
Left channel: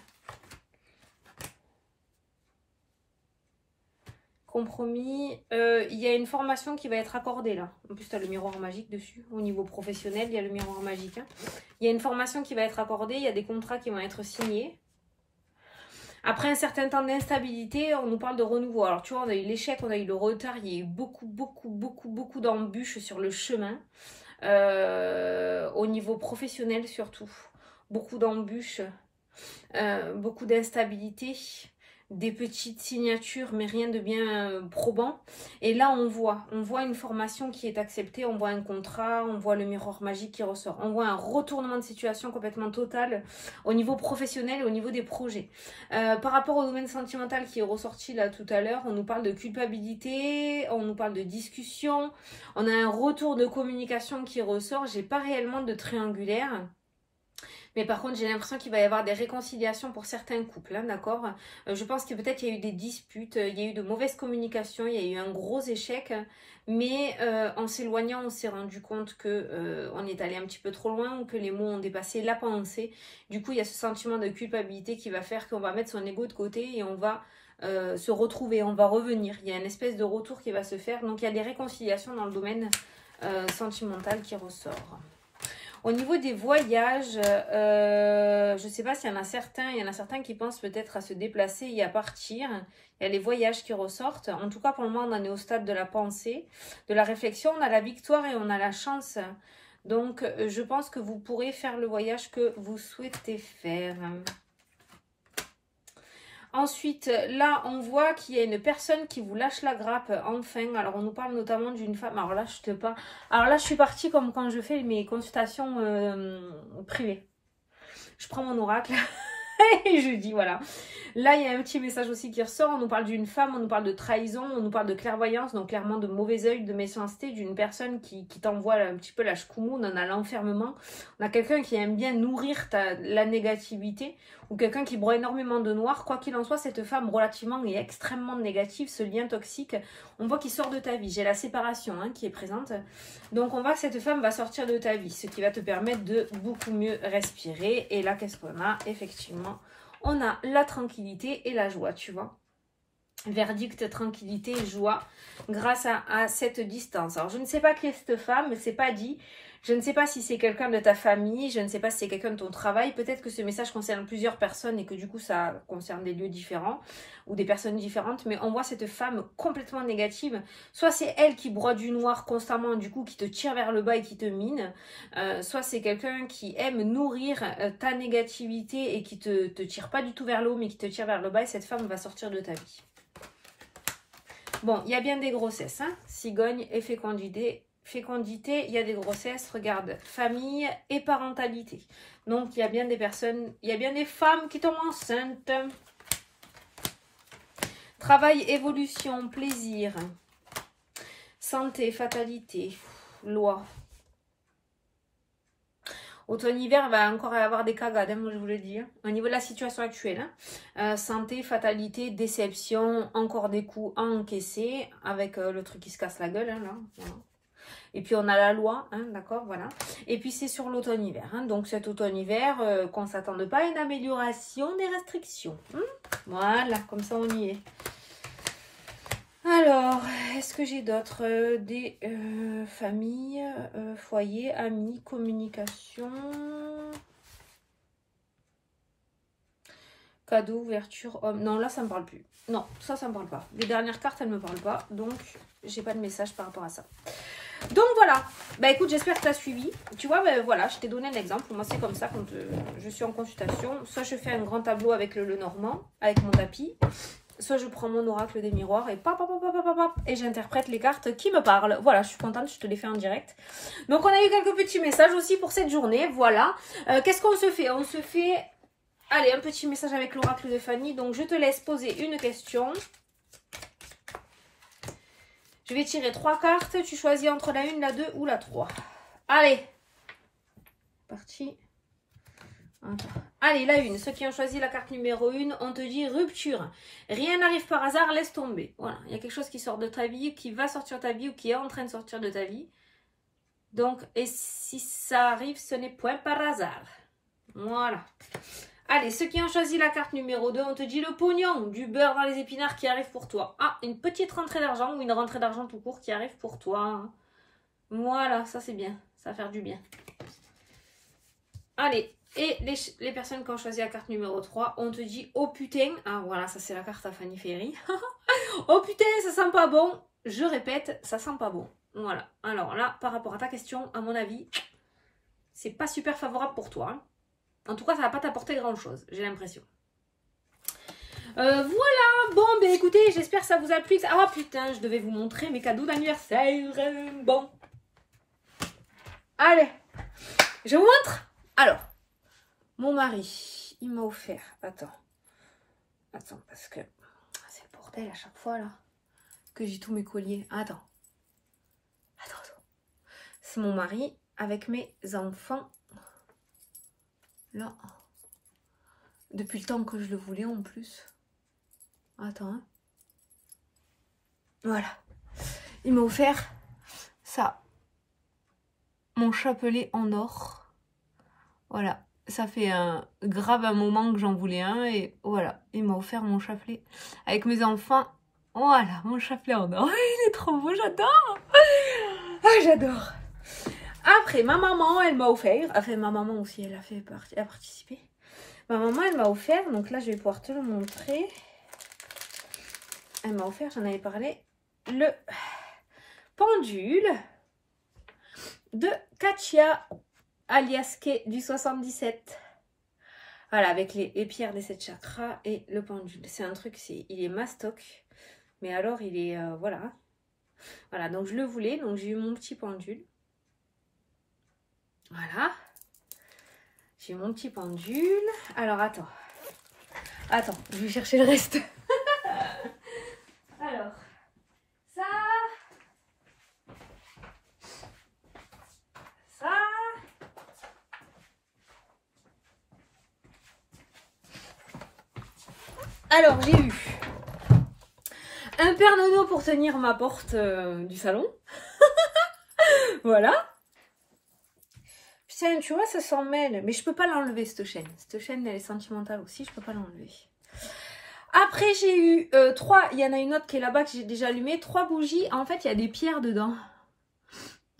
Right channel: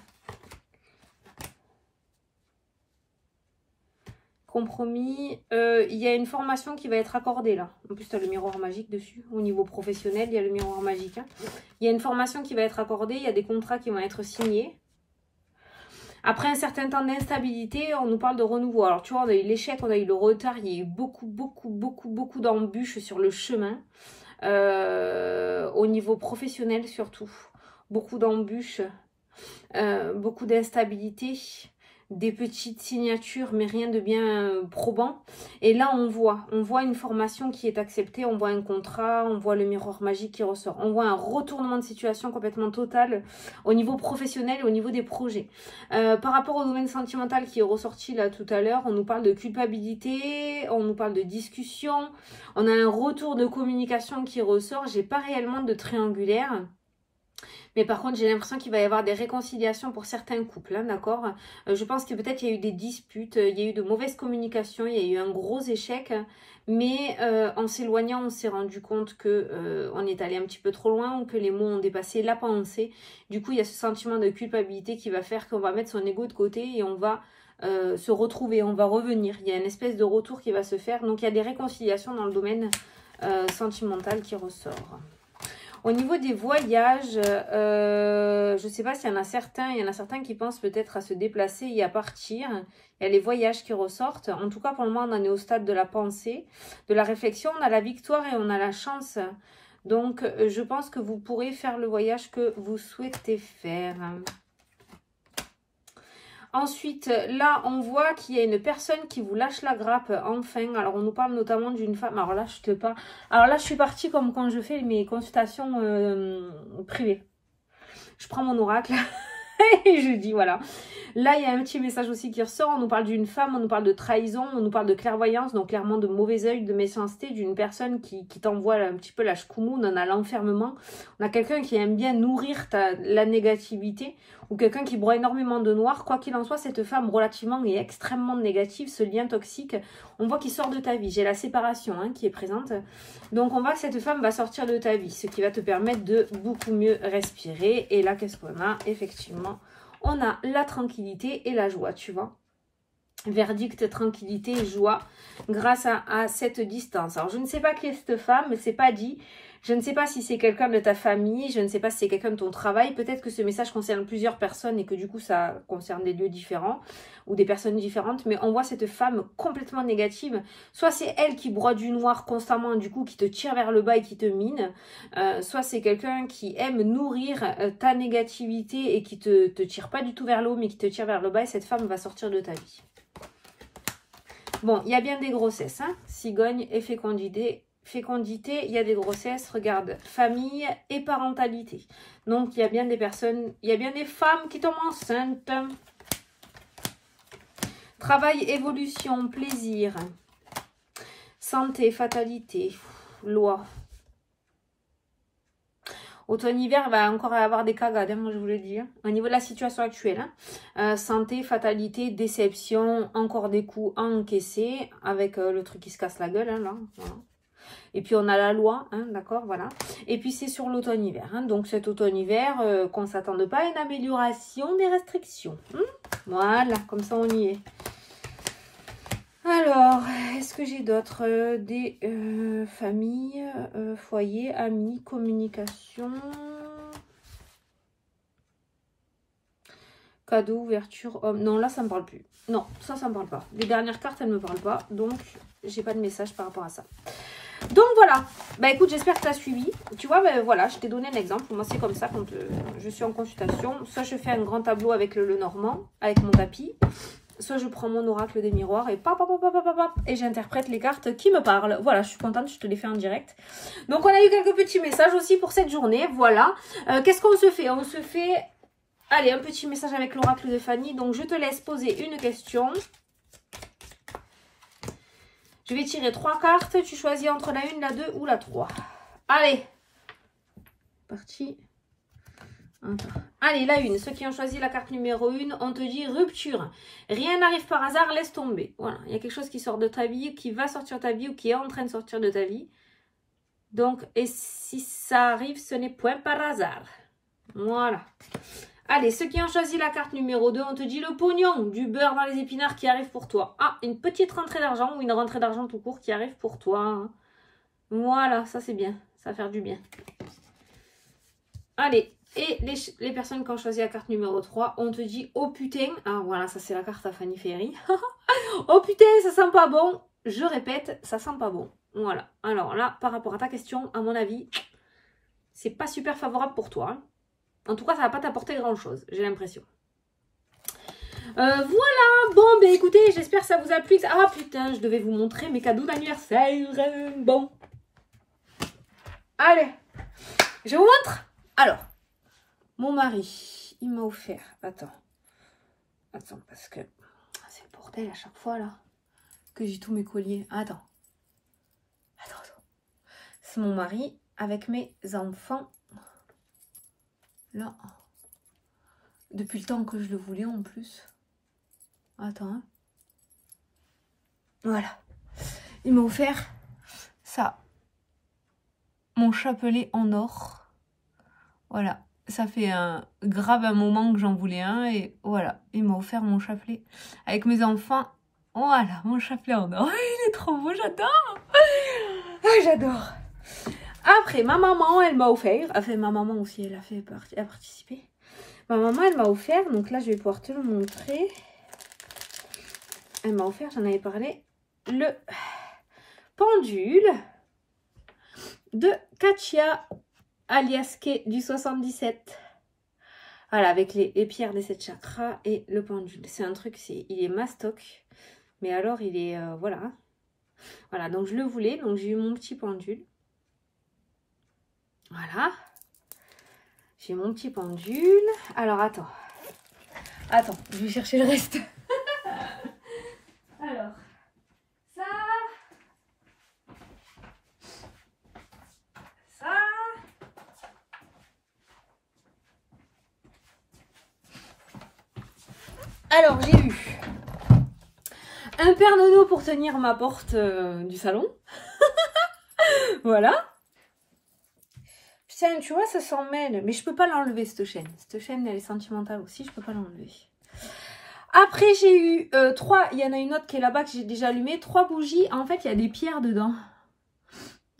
Compromis, il y a une formation qui va être accordée là. En plus, tu as le miroir magique dessus. Au niveau professionnel, il y a le miroir magique. Hein. Il y a une formation qui va être accordée, il y a des contrats qui vont être signés. Après un certain temps d'instabilité, on nous parle de renouveau. Alors, tu vois, on a eu l'échec, on a eu le retard. Il y a eu beaucoup d'embûches sur le chemin. Au niveau professionnel, surtout. Beaucoup d'embûches. Beaucoup d'instabilité. Des petites signatures, mais rien de bien probant. Et là, on voit une formation qui est acceptée. On voit un contrat, on voit le miroir magique qui ressort. On voit un retournement de situation complètement total au niveau professionnel et au niveau des projets. Par rapport au domaine sentimental qui est ressorti là tout à l'heure, on nous parle de culpabilité, on nous parle de discussion. On a un retour de communication qui ressort. J'ai pas réellement de triangulaire. Mais par contre, j'ai l'impression qu'il va y avoir des réconciliations pour certains couples, hein, d'accord? Je pense que peut-être il y a eu des disputes, il y a eu de mauvaises communications, il y a eu un gros échec. Mais en s'éloignant, on s'est rendu compte que on est allé un petit peu trop loin, ou que les mots ont dépassé la pensée. Du coup, il y a ce sentiment de culpabilité qui va faire qu'on va mettre son ego de côté et on va se retrouver, on va revenir. Il y a une espèce de retour qui va se faire. Donc, il y a des réconciliations dans le domaine sentimental qui ressort. Au niveau des voyages, je ne sais pas s'il y en a certains qui pensent peut-être à se déplacer et à partir. Il y a les voyages qui ressortent. En tout cas, pour le moment, on en est au stade de la pensée, de la réflexion. On a la victoire et on a la chance. Donc, je pense que vous pourrez faire le voyage que vous souhaitez faire. Ensuite, là, on voit qu'il y a une personne qui vous lâche la grappe, enfin. Alors, on nous parle notamment d'une femme. Alors là, je suis partie comme quand je fais mes consultations privées. Je prends mon oracle et je dis, voilà. Là, il y a un petit message aussi qui ressort. On nous parle d'une femme, on nous parle de trahison, on nous parle de clairvoyance, donc clairement de mauvais œil, de méchanceté, d'une personne qui t'envoie un petit peu la chkoumoune, on a l'enfermement. On a quelqu'un qui aime bien nourrir la négativité, ou quelqu'un qui broie énormément de noir. Quoi qu'il en soit, cette femme relativement et extrêmement négative, ce lien toxique, on voit qu'il sort de ta vie. J'ai la séparation qui est présente. Donc on voit que cette femme va sortir de ta vie, ce qui va te permettre de beaucoup mieux respirer. Et là, qu'est-ce qu'on a? Effectivement, on a la tranquillité et la joie, tu vois. Verdict, tranquillité, joie, grâce à cette distance. Alors, je ne sais pas qui est cette femme, mais c'est pas dit. Je ne sais pas si c'est quelqu'un de ta famille, je ne sais pas si c'est quelqu'un de ton travail. Peut-être que ce message concerne plusieurs personnes et que du coup, ça concerne des lieux différents ou des personnes différentes. Mais on voit cette femme complètement négative. Soit c'est elle qui broie du noir constamment, du coup, qui te tire vers le bas et qui te mine. Soit c'est quelqu'un qui aime nourrir ta négativité et qui te tire pas du tout vers le haut, mais qui te tire vers le bas. Et cette femme va sortir de ta vie. Bon, il y a bien des grossesses, cigogne et fécondité. Fécondité, il y a des grossesses, regarde, famille et parentalité. Donc, il y a bien des personnes, il y a bien des femmes qui tombent enceintes. Travail, évolution, plaisir, santé, fatalité, loi. Automne-hiver va encore avoir des cagades, moi je vous le dis. Au niveau de la situation actuelle, santé, fatalité, déception, encore des coups à encaisser avec le truc qui se casse la gueule, là. Voilà. Et puis on a la loi, d'accord, voilà. Et puis c'est sur l'automne-hiver. Donc cet automne-hiver, qu'on ne s'attende pas à une amélioration des restrictions. Voilà, comme ça on y est. Alors, est-ce que j'ai d'autres des familles, foyers, amis, communication, cadeau, ouverture, homme. Non, là ça me parle plus. Non, ça me parle pas. Les dernières cartes, elles me parlent pas. Donc, j'ai pas de message par rapport à ça. Donc voilà, bah écoute, j'espère que tu as suivi. Tu vois, bah, voilà, je t'ai donné un exemple. Moi, c'est comme ça quand je suis en consultation. Soit je fais un grand tableau avec le normand, avec mon tapis. Soit je prends mon oracle des miroirs et et j'interprète les cartes qui me parlent. Voilà, je suis contente, je te les fais en direct. Donc, on a eu quelques petits messages aussi pour cette journée. Voilà. Qu'est-ce qu'on se fait? On se fait, allez, un petit message avec l'oracle de Fanny. Donc, je te laisse poser une question. Je vais tirer 3 cartes. Tu choisis entre la 1, la 2 ou la 3. Allez. Parti. Attends. Allez, la 1. Ceux qui ont choisi la carte numéro 1, on te dit rupture. Rien n'arrive par hasard, laisse tomber. Voilà. Il y a quelque chose qui sort de ta vie, qui va sortir de ta vie ou qui est en train de sortir de ta vie. Donc, et si ça arrive, ce n'est point par hasard. Voilà. Allez, ceux qui ont choisi la carte numéro 2, on te dit le pognon, du beurre dans les épinards qui arrive pour toi. Ah, une petite rentrée d'argent ou une rentrée d'argent tout court qui arrive pour toi. Voilà, ça c'est bien, ça va faire du bien. Allez, et les personnes qui ont choisi la carte numéro 3, on te dit oh putain, ah voilà, ça c'est la carte à Fanny Ferry. Oh putain, ça sent pas bon. Je répète, ça sent pas bon. Voilà, alors là, par rapport à ta question, à mon avis, c'est pas super favorable pour toi. En tout cas, ça va pas t'apporter grand-chose, j'ai l'impression. Voilà, bon, ben écoutez, j'espère que ça vous a plu. Ah putain, je devais vous montrer mes cadeaux d'anniversaire. Bon. Allez, je vous montre. Alors, mon mari, il m'a offert, attends, parce que c'est le bordel à chaque fois, là, que j'ai tous mes colliers. Attends. C'est mon mari avec mes enfants. Là, depuis le temps que je le voulais en plus. Attends, Voilà. Il m'a offert ça. Mon chapelet en or. Voilà. Ça fait grave un moment que j'en voulais un. Et voilà. Il m'a offert mon chapelet avec mes enfants. Voilà, mon chapelet en or. Il est trop beau, j'adore. Ah, j'adore. Après, ma maman, elle m'a offert. Enfin, ma maman aussi, elle a participé. Ma maman, elle m'a offert. Donc là, je vais pouvoir te le montrer. Elle m'a offert, j'en avais parlé, le pendule de Katia Aliaske du 77. Voilà, avec les pierres des 7 chakras et le pendule. C'est un truc, il est mastoc. Mais alors, il est, voilà. Voilà, donc je le voulais. Donc, j'ai eu mon petit pendule. Voilà. J'ai mon petit pendule. Alors, attends. Attends, je vais chercher le reste. Alors, ça. Ça. Alors, j'ai eu un Père Nono pour tenir ma porte du salon. Voilà. Putain, tu vois, ça s'en mêle. Mais je peux pas l'enlever, cette chaîne. Cette chaîne, elle est sentimentale aussi. Je peux pas l'enlever. Après, j'ai eu 3. Il y en a une autre qui est là-bas que j'ai déjà allumée. 3 bougies. En fait, il y a des pierres dedans.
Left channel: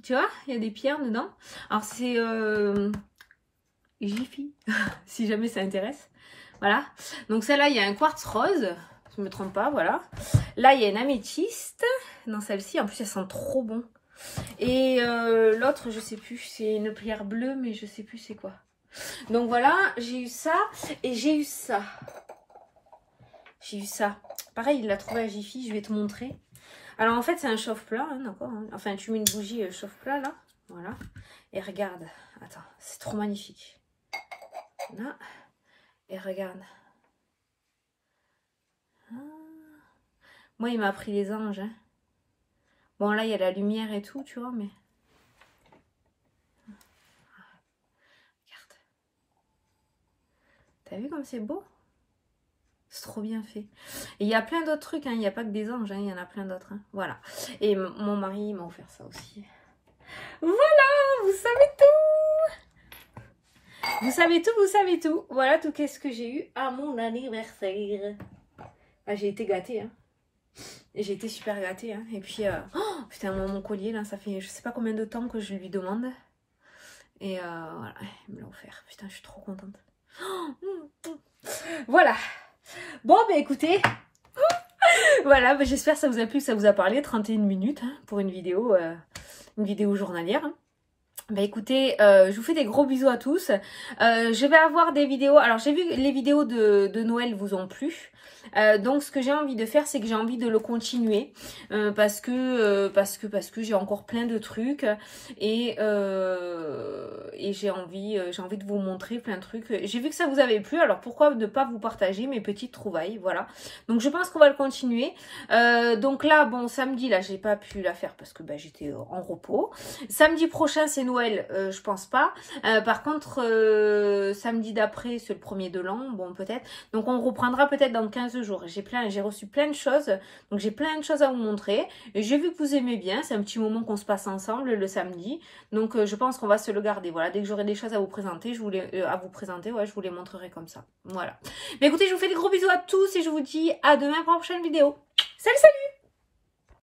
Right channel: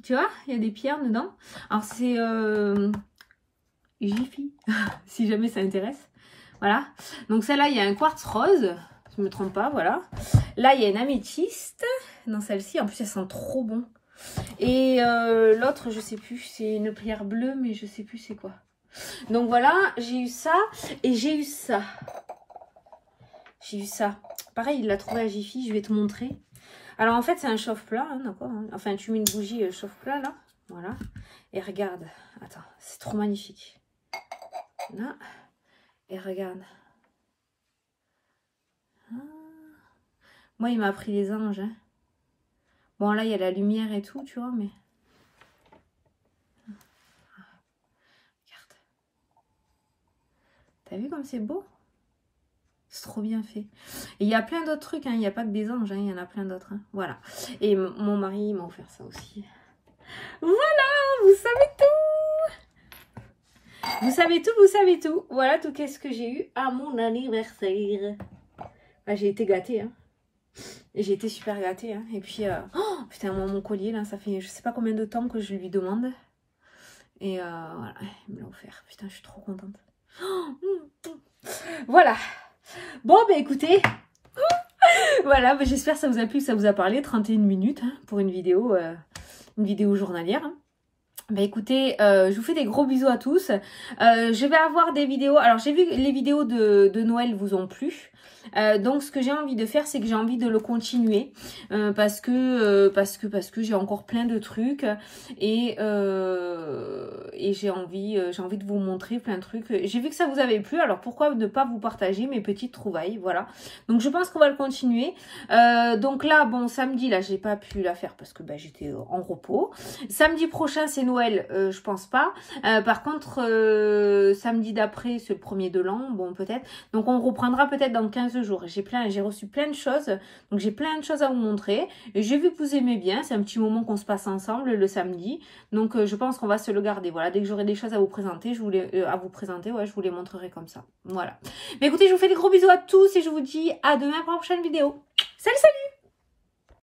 Tu vois, il y a des pierres dedans. Alors, c'est Jiffy, si jamais ça intéresse. Voilà. Donc, celle-là, il y a un quartz rose. Je ne me trompe pas, voilà. Là, il y a une améthyste dans celle-ci. En plus, elle sent trop bon. Et l'autre, je sais plus, c'est une pierre bleue, mais je sais plus c'est quoi. Donc voilà, j'ai eu ça et j'ai eu ça. J'ai eu ça. Pareil, il l'a trouvé à Jiffy, je vais te montrer. Alors en fait, c'est un chauffe-plat, hein, d'accord. Hein. Enfin, tu mets une bougie chauffe-plat là, voilà. Et regarde, attends, c'est trop magnifique. Là, et regarde. Ah. Moi, il m'a pris les anges, hein. Bon, là, il y a la lumière et tout, tu vois, mais... Regarde. T'as vu comme c'est beau? C'est trop bien fait. Et il y a plein d'autres trucs, hein. Il n'y a pas que des anges, hein. Il y en a plein d'autres, hein. Voilà. Et mon mari m'a offert ça aussi. Voilà, vous savez tout. Vous savez tout, vous savez tout. Voilà tout qu'est-ce que j'ai eu à mon anniversaire. Ah, j'ai été gâtée, hein. J'ai été super gâtée, hein. Et puis, oh, putain, mon collier, là, ça fait je sais pas combien de temps que je lui demande. Et voilà, il me l'a offert. Putain, je suis trop contente. Voilà. Bon, bah écoutez, voilà, bah, j'espère que ça vous a plu, que ça vous a parlé. 31 minutes hein, pour une vidéo journalière. Hein. Bah écoutez, je vous fais des gros bisous à tous. Je vais avoir des vidéos. Alors j'ai vu que les vidéos de Noël vous ont plu. Donc ce que j'ai envie de faire, c'est que j'ai envie de le continuer parce que j'ai encore plein de trucs et j'ai envie de vous montrer plein de trucs. J'ai vu que ça vous avait plu, alors pourquoi ne pas vous partager mes petites trouvailles, voilà. Donc je pense qu'on va le continuer. Donc là, bon, samedi, là, j'ai pas pu la faire parce que bah, j'étais en repos. Samedi prochain, c'est Noël, je pense pas. Par contre, samedi d'après, c'est le 1er de l'an, bon peut-être. Donc on reprendra peut-être dans 15 jours. J'ai reçu plein de choses, donc j'ai plein de choses à vous montrer. J'ai vu que vous aimez bien, c'est un petit moment qu'on se passe ensemble le samedi. Donc je pense qu'on va se le garder. Voilà, dès que j'aurai des choses à vous présenter, je vous les montrerai comme ça. Voilà. Mais écoutez, je vous fais des gros bisous à tous et je vous dis à demain pour la prochaine vidéo. Salut, salut!